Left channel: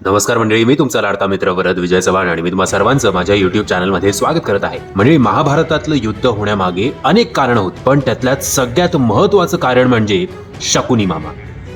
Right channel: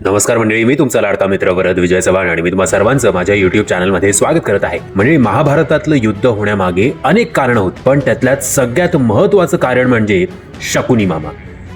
नमस्कार मंडळी, मी तुमचा लाडका मित्र वरद विजय चव्हाण आणि मी तुम्हा सर्वांचं माझ्या युट्यूब चॅनलमध्ये स्वागत करत आहे. म्हणजे महाभारतातलं युद्ध होण्यामागे अनेक कारण होती, पण त्यातल्यात सगळ्यात महत्वाचं कारण म्हणजे शकुनी मामा.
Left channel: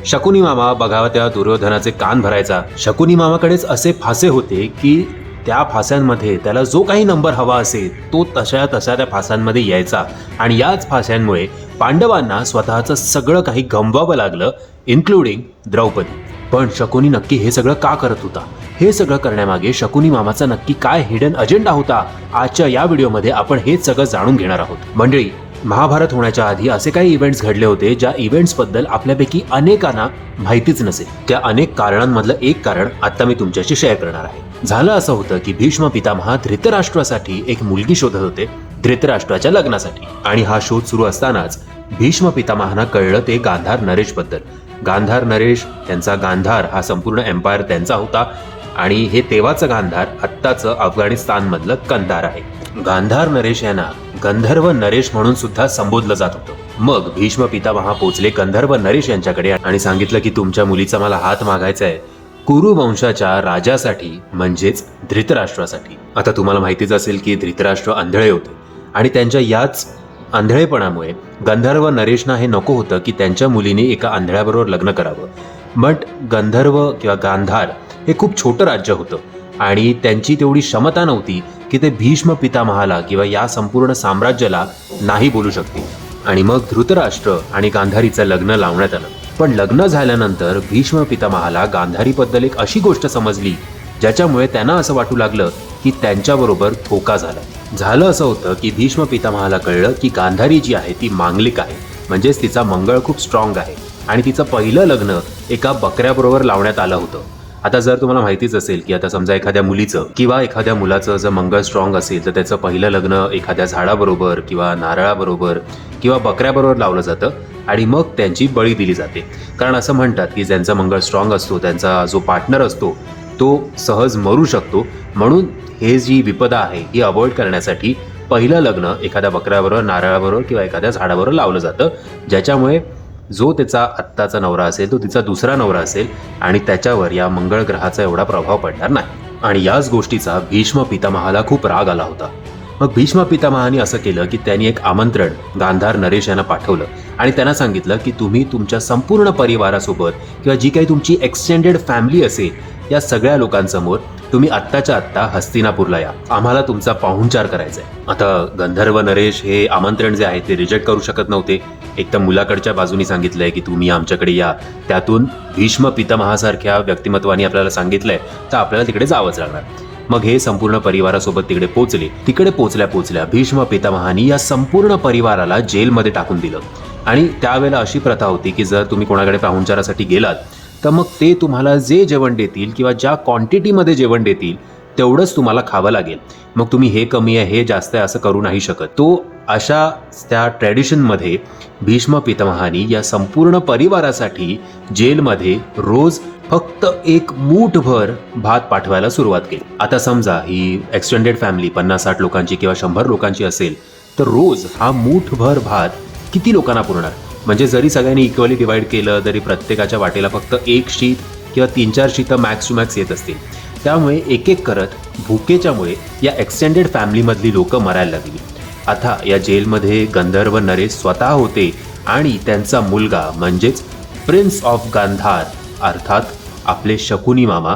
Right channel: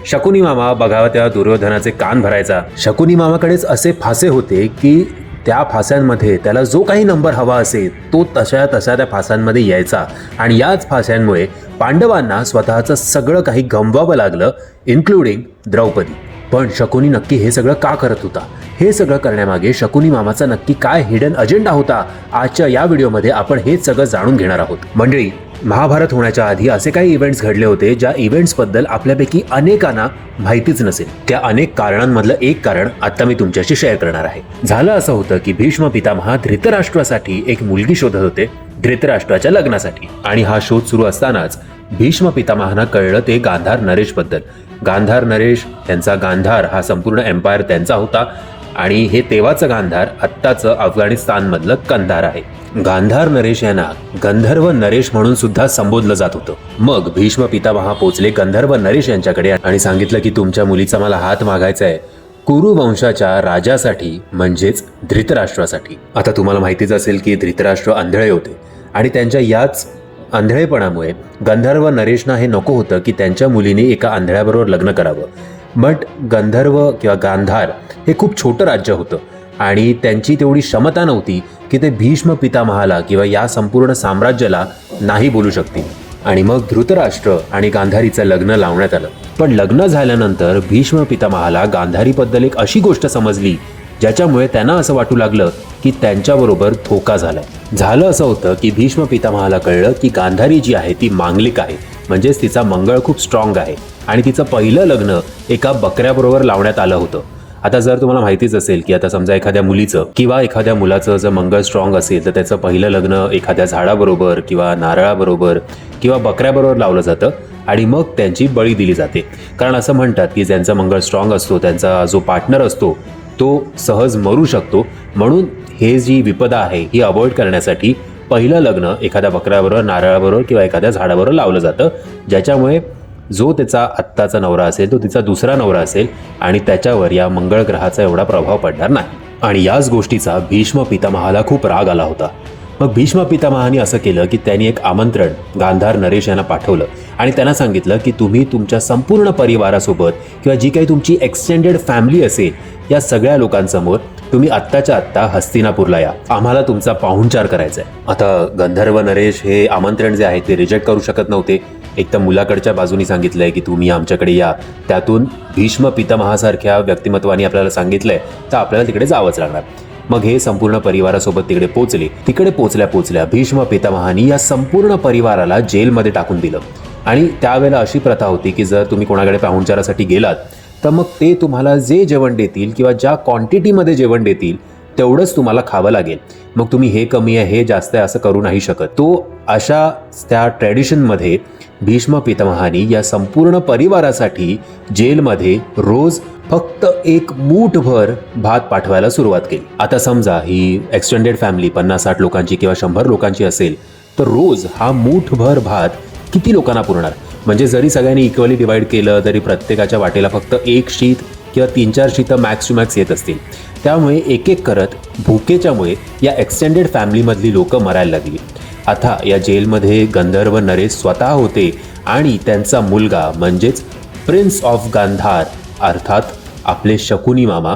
शकुनी मामा बघावा त्या दुर्योधनाचे कान भरायचा. शकुनी मामाकडेच असे फासे होते की त्या फास्यांमध्ये त्याला जो काही नंबर हवा असेल तो तशा त्या फासांमध्ये यायचा आणि याच फास्यांमुळे पांडवांना स्वतःचं सगळं काही गमवावं लागलं, इन्क्लुडिंग द्रौपदी. पण शकुनी नक्की हे सगळं का करत होता? हे सगळं करण्यामागे शकुनी मामाचा नक्की काय हिडन अजेंडा होता? आजच्या या व्हिडिओमध्ये आपण हेच सगळं जाणून घेणार आहोत. मंडळी, महाभारत होण्याच्या आधी असे काही इव्हेंट्स घडले होते ज्या इव्हेंट्स बद्दल आपल्यापैकी अनेकांना माहितीच नसेल. त्या अनेक कारणांमधलं एक कारण आता मी तुमच्याशी शेअर करणार आहे. झालं असं होतं की भीष्म पितामह धृतराष्ट्रासाठी एक मुलगी शोधत होते, धृतराष्ट्राच्या लग्नासाठी. आणि हा शोध सुरू असतानाच भीष्म पितामहांना कळलं ते गांधार नरेश बद्दल. गांधार नरेश, त्यांचा गांधार हा संपूर्ण एम्पायर त्यांचा होता आणि हे तेव्हाचं गांधार आत्ताचं अफगाणिस्तान मधलं कंधार आहे. गांधार नरेश यांना गंधर्व नरेश म्हणून सुद्धा संबोधलं जात होतं. मग भीष्म पितामह पोचले गंधर्व नरेश यांच्याकडे आणि सांगितलं की तुमच्या मुलीचा मला हात मागायचा आहे कुरु वंशाच्या राजासाठी, म्हणजेच धृतराष्ट्रासाठी. आता तुम्हाला माहितीच असेल की धृतराष्ट्र आंधळे होते आणि त्यांच्या याच आंधळेपणामुळे गंधर्व नरेशना हे नको होतं की त्यांच्या मुलीने एका आंधळ्याबरोबर लग्न करावं. बट गंधर्व किंवा गांधार हे खूप छोटं राज्य होतं आणि त्यांची तेवढी क्षमता नव्हती की ते भीष्म पितामहाला किंवा या संपूर्ण साम्राज्याला नाही बोलू शकतील. आणि मग धृतराष्ट्र आणि गांधारीचं लग्न लावण्यात आलं. पण लग्न झाल्यानंतर भीष्म पितामहाला गांधारीबद्दल एक अशी गोष्ट समजली ज्याच्यामुळे त्यांना असं वाटू लागलं की त्यांच्याबरोबर धोका झाला. झालं असं होतं की भीष्म पितामहाला कळलं की गांधारी जी आहे ती मांगलिक आहे, म्हणजेच तिचा मंगळ खूप स्ट्रॉंग आहे आणि तिचं पहिलं लग्न एका बकऱ्याबरोबर लावण्यात आलं होतं. आता जर तुम्हाला माहितीच असेल की आता समजा एखाद्या मुलीचं किंवा एखाद्या मुलाचं जर मंगळ स्ट्रॉंग असेल तर त्याचं पहिलं लग्न एखाद्या झाडाबरोबर किंवा नारळाबरोबर किंवा बकऱ्याबरोबर लावलं जातं आणि मग त्यांची बळी दिली जाते. कारण असं म्हणतात की ज्यांचा मंगळ स्ट्रॉंग असतो त्यांचा जो पार्टनर असतो तो सहज मरू शकतो. म्हणून हे जी विपदा आहे ही अवॉइड करण्यासाठी पहिलं लग्न एखाद्या बकऱ्याबरोबर, नारळाबरोबर किंवा एखाद्या झाडाबरोबर लावलं जातं, ज्याच्यामुळे जो त्याचा आत्ताचा नवरा असेल तो तिचा दुसरा नवरा असेल आणि त्याच्यावर या मंगळ ग्रहाचा एवढा प्रभाव पडणार नाही. आणि याच गोष्टीचा भीष्म पितामहाला खूप राग आला होता. मग भीष्म पितामहाने असं केलं की त्यांनी एक आमंत्रण गांधार नरेश यांना पाठवलं आणि त्यांना सांगितलं की तुम्ही तुमच्या संपूर्ण परिवारासोबत किंवा जी काही तुमची एक्सटेंडेड फॅमिली असेल या सगळ्या लोकांसमोर तुम्ही आत्ताच्या आत्ता हस्तिनापूरला या, आम्हाला तुमचा पाहुणचार करायचा आहे. आता गंधर्व नरेश हे आमंत्रण जे आहे ते रिजेक्ट करू शकत नव्हते. एक तर मुलाकडच्या बाजूनी सांगितलंय की तुम्ही आमच्याकडे या, त्यातून भीष्म पितामहासारख्या व्यक्तिमत्वाने आपल्याला सांगितलंय तर आपल्याला तिकडे जावंच लागणार. मग हे संपूर्ण परिवारासोबत तिकडे पोहोचले. तिकडे पोहोचल्या भीष्म पितामहानी या संपूर्ण परिवाराला जेलमध्ये टाकून दिलं. आणि त्यावेळेला अशी प्रथा होती की जर तुम्ही कोणाकडे पाहुणचारासाठी गेलात तर मग ते तुम्हाला जे जेवण देतील किंवा ज्या क्वांटिटीमध्ये जेवण देतील तेवढंच तुम्हाला खावं लागेल. मग तुम्ही हे कमी आहे हे जास्त आहे असं करू नाही शकत. तो अशा त्या ट्रेडिशनमध्ये भीष्म पितामहानी या संपूर्ण परिवारासाठी जेलमध्ये रोज फक्त एक मूठभर भात पाठवायला सुरुवात केली. आता समजा ही एक्सटेंडेड फॅमिली 50-60 लोकांची किंवा 100 लोकांची असेल तर रोज हा मूठभर भात किती लोकांना पुरणार? म्हणजे जरी सगळ्यांनी इक्वली डिवाइड केलं तरी प्रत्येकाच्या वाटेला फक्त एक शीत किंवा 3-4 शीतं मॅक्स टू मॅक्स येत असतील. त्यामुळे एक एक करत भुकेच्यामुळे या एक्सटेंडेड फॅमिलीमधली लोक मरायला लागली. आता या जेलमध्ये गंधर्व नरेश स्वतः होते आणि त्यांचा मुलगा म्हणजेच प्रिन्स ऑफ गांधार अर्थात आपले शकुनी मामा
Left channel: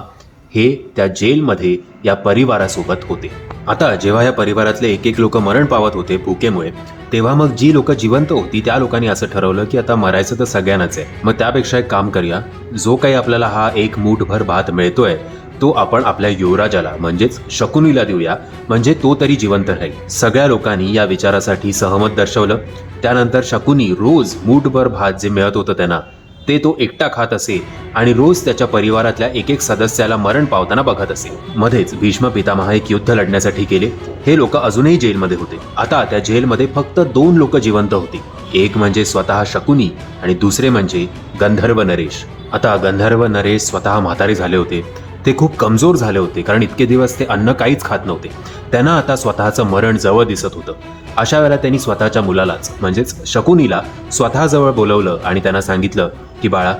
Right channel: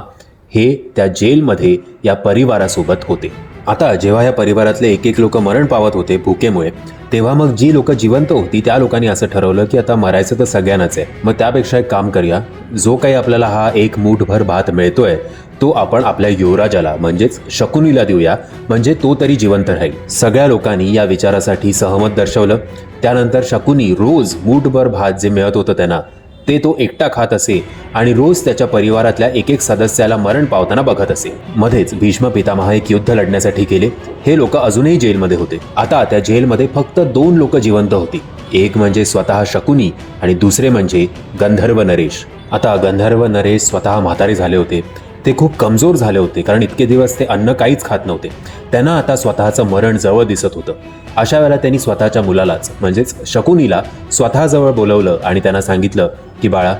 हे त्या जेलमध्ये या परिवारासोबत होते. आता जेव्हा या परिवारातले एक एक लोक मरण पावत होते भुकेमुळे, तेव्हा मग जी लोक जिवंत होती त्या लोकांनी असं ठरवलं की आता मरायचं तर सगळ्यांनाच आहे. मग त्यापेक्षा एक काम करूया, जो काही आपल्याला हा एक मूठभर भात मिळतोय तो आपण आपल्या युवराजाला म्हणजेच शकुनीला देऊया, म्हणजे तो तरी जिवंत राहील. सगळ्या लोकांनी या विचारासाठी सहमत दर्शवलं. त्यानंतर शकुनी रोज मूठभर भात जे मिळत होतं त्यांना ते तो एकटा खात असे आणि रोज त्याच्या परिवारातल्या एक एक सदस्याला मरण पावताना बघत असे. मध्येच भीष्म पितामह एक युद्ध लढण्यासाठी गेले. हे लोक अजूनही जेलमध्ये होते. आता त्या जेलमध्ये फक्त 2 लोक जिवंत होती. एक म्हणजे स्वतः शकुनी आणि दुसरे म्हणजे गंधर्व नरेश. आता गंधर्व नरेश स्वतः म्हातारे झाले होते. ते खूप कमजोर झाले होते कारण इतके दिवस ते अन्न काहीच खात नव्हते. त्यांना आता स्वतःचं मरण जवळ दिसत होतं. अशा वेळेला त्यांनी स्वतःच्या मुलालाच म्हणजेच शकुनीला स्वतःजवळ बोलवलं आणि त्यांना सांगितलं की बाळा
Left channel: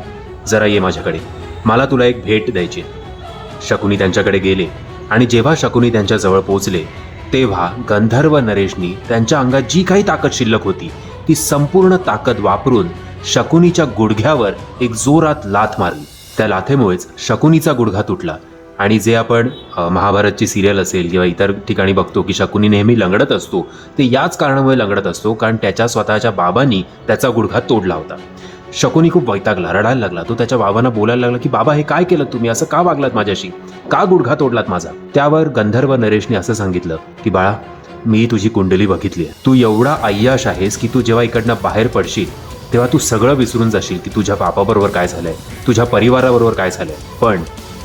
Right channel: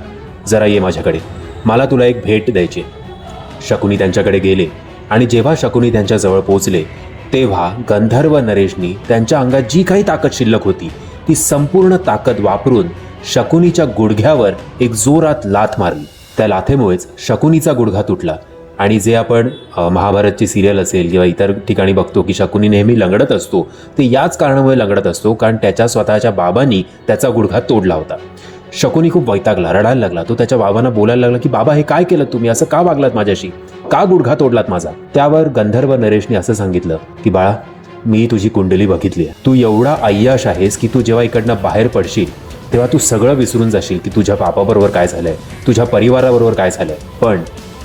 जरा ये माझ्याकडे, मला तुला एक भेट द्यायची. शकुनी त्यांच्याकडे गेले आणि जेव्हा शकुनी त्यांच्या जवळ पोहोचले तेव्हा गंधर्व नरेशनी त्यांच्या अंगात जी काही ताकद शिल्लक होती ती संपूर्ण ताकद वापरून शकुनीच्या गुडघ्यावर एक जोरात लाथ मारली. त्या लाथेमुळेच शकुनीचा गुडघा तुटला. आणि जे आपण महाभारतची सिरियल असेल किंवा इतर ठिकाणी बघतो की शकुनी नेहमी लंगडत असतो, ते याच कारणामुळे लंगडत असतो कारण त्याच्या स्वतःच्या बाबांनी त्याचा गुडघा तोडला होता. शकुनी खूप वैतागला, रडायला लागला. तो त्याच्या बाबांना बोलायला लागला की बाबा हे काय केलं तुम्ही, असं का वागलात माझ्याशी, का गुडघा तोडलात माझा. त्यावर गंधर्व नरेशने असं सांगितलं की बाळा, मी तुझी कुंडली बघितली आहे. तू एवढा अय्याश आहेस की तू जेव्हा इकडनं बाहेर पडशील तेव्हा तू सगळं विसरून जाशील की तुझ्या बापाबरोबर काय झालंय, तुझ्या परिवाराबरोबर काय झालंय. पण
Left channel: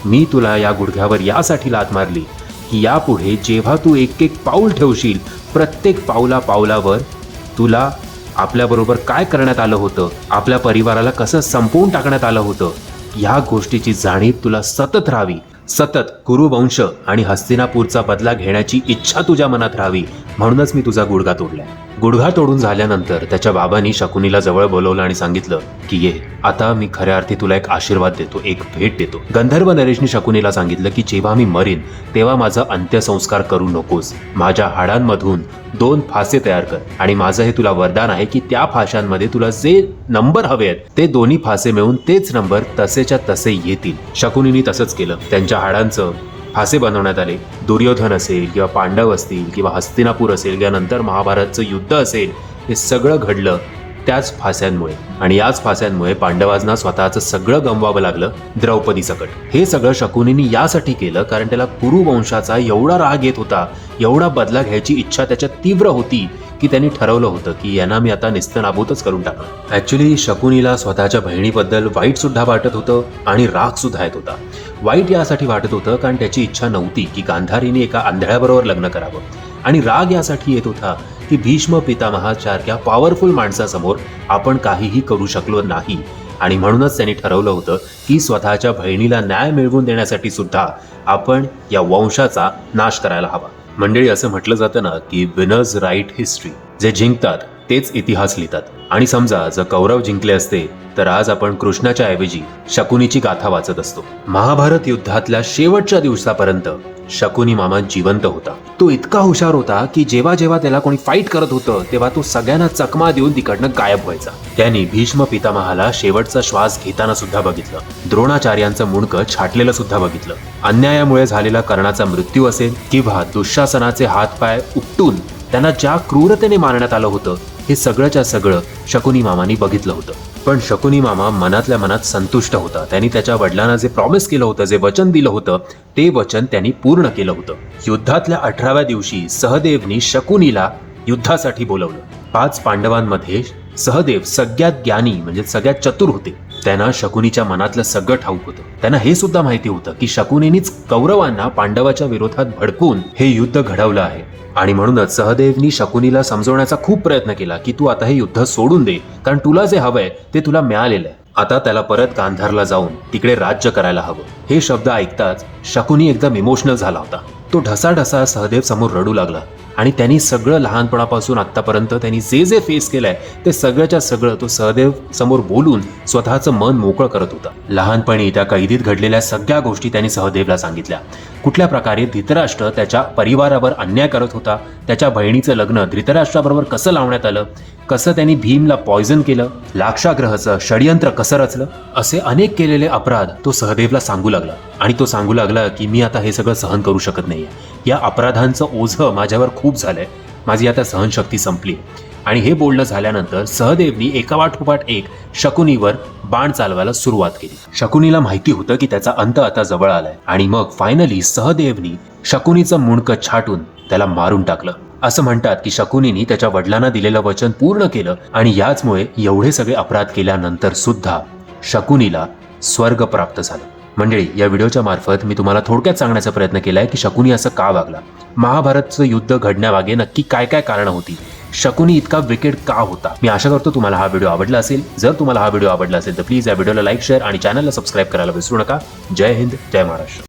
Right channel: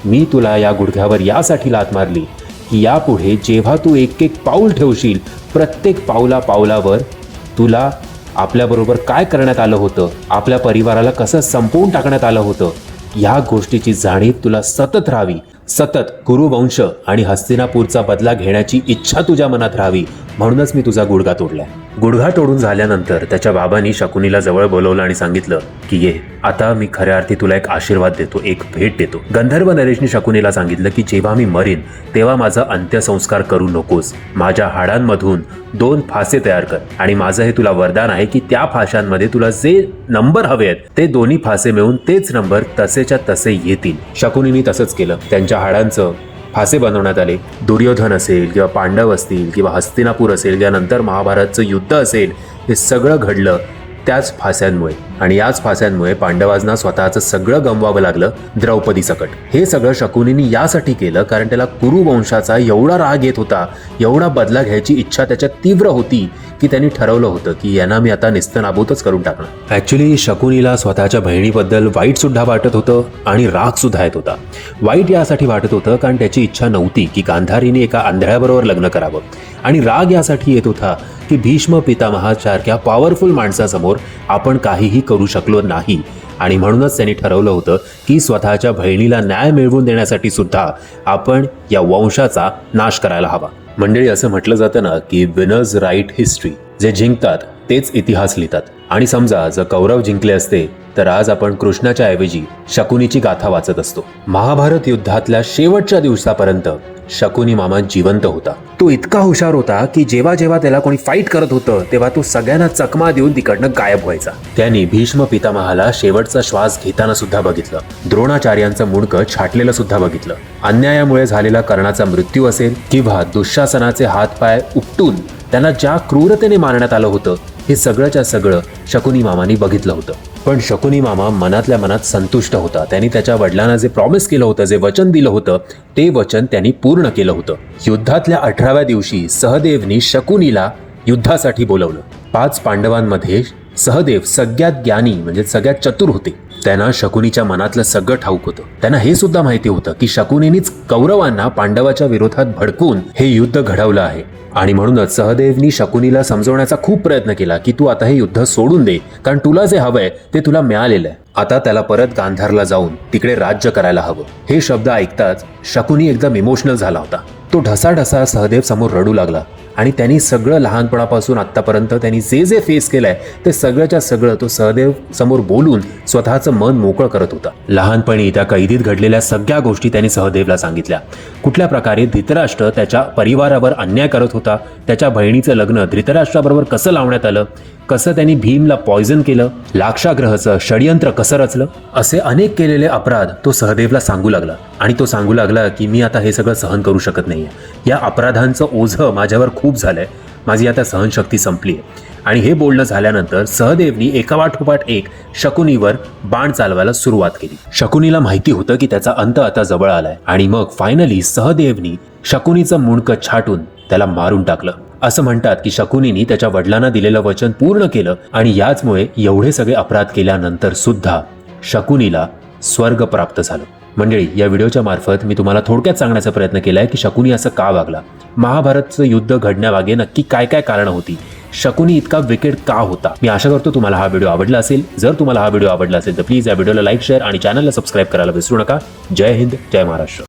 मी तुला या गुडघ्यावर यासाठी लाथ मारली की यापुढे जेव्हा तू एक एक पाऊल ठेवशील, प्रत्येक पावलावर तुला आपल्याबरोबर काय करण्यात आलं होतं, आपल्या परिवाराला कसं संपवून टाकण्यात आलं होतं, या गोष्टीची जाणीव तुला सतत राहावी. सतत कुरुवंश आणि हस्तिनापूरचा बदला घेण्याची इच्छा तुझ्या मनात राहावी, म्हणूनच मी तुझा गुडघा तोडलाय. गुडघा तोडून झाल्यानंतर त्याच्या बाबांनी शकुनीला जवळ बोलवलं आणि सांगितलं की ये, आता मी खऱ्या अर्थी तुला एक आशीर्वाद देतो, एक भेट देतो. गंधर्व नरेशने शकुनीला सांगितलं की जेव्हा मी मरेन तेव्हा माझा अंत्यसंस्कार करू नकोस. माझ्या हाडांमधून 2 फासे तयार कर आणि माझं हे तुला वरदान आहे की त्या फाशांमध्ये तुला जे नंबर हवे आहेत ते दोन्ही फासे मिळून तेच नंबर तसेच्या तसे येतील. शकुनीने तसंच केलं. त्यांच्या हाडांचं फासे बनवण्यात आले. दुर्योधन असेल किंवा पांडव असतील किंवा हस्तिनापूर असेल, यानंतर महाभारतचं युद्ध असेल, हे सगळं घडलं त्याच फास्यांमुळे. आणि याच फास्यांमुळे पांडवांना स्वतःचं सगळं गमवावं लागलं, द्रौपदी सकट. हे सगळं शकुनीने यासाठी केलं कारण त्याला कुरुवंशाचा एवढा राग येत होता, एवढा बदला घ्यायची इच्छा त्याच्यात तीव्र होती की त्यांनी ठरवलं होतं की यांना मी आता निस्तनाबूतच करून टाकलं. ऍक्च्युली शकुनीला स्वतःच्या बहिणीबद्दल वाईट सुद्धा वाटत होतं आणि राग सुद्धा येत होता. वाईट यासाठी वाटत होतं कारण त्याची इच्छा नव्हती की गांधारीने एका आंधळ्याबरोबर लग्न करावं, आणि राग यासाठी येत होता की भीष्म पितामहासारख्या पॉवरफुल माणसासमोर आपण काहीही करू शकलो नाही. आणि म्हणूनच त्यांनी ठरवलं होतं की स्वतःच्या बहिणीला न्याय मिळवून देण्यासाठी सुद्धा आपण या वंशाचा नाश करायला हवा. मंडळी, असं म्हटलं जातं ना की विनर्स राईट हिस्ट्री. जे जिंकतात तेच इतिहास लिहितात. आणि समजा जर कौरव जिंकले असते तर आज आपण कृष्णाच्या ऐवजी शकुनीची गाथा वाचत असतो. महाभारत युद्धातल्या शेवटच्या दिवसापर्यंत शकुनी मामा जिवंत होता. तो इतका हुशार होता की जेव्हा जेव्हा त्याला कोणी फाईट करत होतं तेव्हा तो सगळ्यांना चकमा देऊन तिकडनं गायब व्हायचा. त्यांनी भीष्म पितामहाला शेवटचा श्वास घेताना सुद्धा बघितलं. द्रोणाचार्यांचं मुंडकं छाटलेलं सुद्धा बघितलं. अन्यायामुळे झालेला कर्णाचा मृत्यू असेल किंवा दुःशासनाचे हातपाय उपटून त्याला ज्या क्रूरतेने मारण्यात आलं होतं, हे सगळंच्या सगळं शकुनी मामानी बघितलं होतं. पण शकुनी मामा मनातल्या मनात संतुष्ट होता. त्यांनी त्याच्या वडिलांना जे प्रॉमिस केलं होतं, जे वचन दिलं होतं, ते वचन त्यांनी पूर्ण केलं होतं. युद्धातल्या 18व्या दिवशी सहदेवने शकुनीला युद्धासाठी बोलवलं. 5 पांडवांमध्ये सहदेव सगळ्यात ज्ञानी म्हणजे सगळ्यात चतुर होते. त्यांना शकुनीच्या मनातलं सगळं ठाऊक होतं. त्यांना हे सुद्धा माहिती होतं की शकुनीनेच कौरवांना पांडवाच्या विरोधात भडकून हे युद्ध घडवलं आहे. आणि म्हणूनच सहदेवनी शकुनीला समजवण्याचा खूप प्रयत्न केला की तू आता हे युद्ध सोडून दे, कारण तुला जे हवंय ते तुला मिळालेलं आहे. आता त्याला परत गांधारला जाऊन तिकडे राज्य करायला हवं. हे शब्द ऐकताच शकुनी एकदम इमोशनल झाला होता. तो ढसाढसा सहदेव समोर रडू लागला. आणि त्यांनी सगळं लहानपणापासून आतापर्यंत त्यांनी जे जे फेस केलंय ते सगळ्याच्या सगळं तो सहदेव समोर बोलून स्वतःचं मन मोकळं करत होता. लहानपणी त्या कैदीत घडलेल्या सगळ्या गोष्टी त्यांनी सहदेवला सांगितल्या. कुठल्या प्रकारे धृतराष्ट्र त्याच्या परिवारावर अन्याय करत होता, त्याच्या बहिणीचं लग्न धृतराष्ट्राबरोबर कसं लावण्यात आलं, कसं त्यांनी भीमला पॉयझन केलं, लाक्षाग्रहाचं षडयंत्र कसं रचलं, असे अनेक केलेले अपराध तो सहदेवला सांगू लागला. आणि तो सांगू लागला की मी आता हे सगळं सहन करू शकत नाहीये. या अपराधांचं ओझं माझ्यावर खूप झालंय, माझी आता सहनशक्ती संपली. आणि हे बोलणं झाल्यानंतर सहदेवनी एकापाठोपाठ एक शकुनीवर बाण चालवायला सुरुवात केली. शकुनीला माहिती होतं की त्याचा अंत आता जवळ आलाय. आणि मग फायनली सहदेवनी शकुनीचं मुंडकं छाटून त्याला मारून टाकलं. असं म्हणतात की शकुनीने त्याच्या वडिलांना दिलेलं वचन पूर्ण केलं आणि याचमुळे एवढे सगळे अपराध केल्यानंतर सुद्धा शकुनीला स्वर्ग प्राप्त झालं. मंडळी, या व्हिडिओच्या मार्फत मी तुम्हाला थोडक्यात सांगण्याचा प्रयत्न केलाय की शकुनी असं का वागला, महाभारतचं युद्ध घडण्यामागे नक्की काय काय कारणं होती, शकुनी इतका विकेट का होता. मी आशा करतो तुम्हाला हा व्हिडिओ आवडला असेल. जर तुम्हाला हा व्हिडिओ आवडला असेल तर प्लीज या व्हिडिओला लाईक, शेअर आणि चॅनलला सबस्क्राईब करायला विसरू नका. जय हिंद, जय महाराष्ट्र.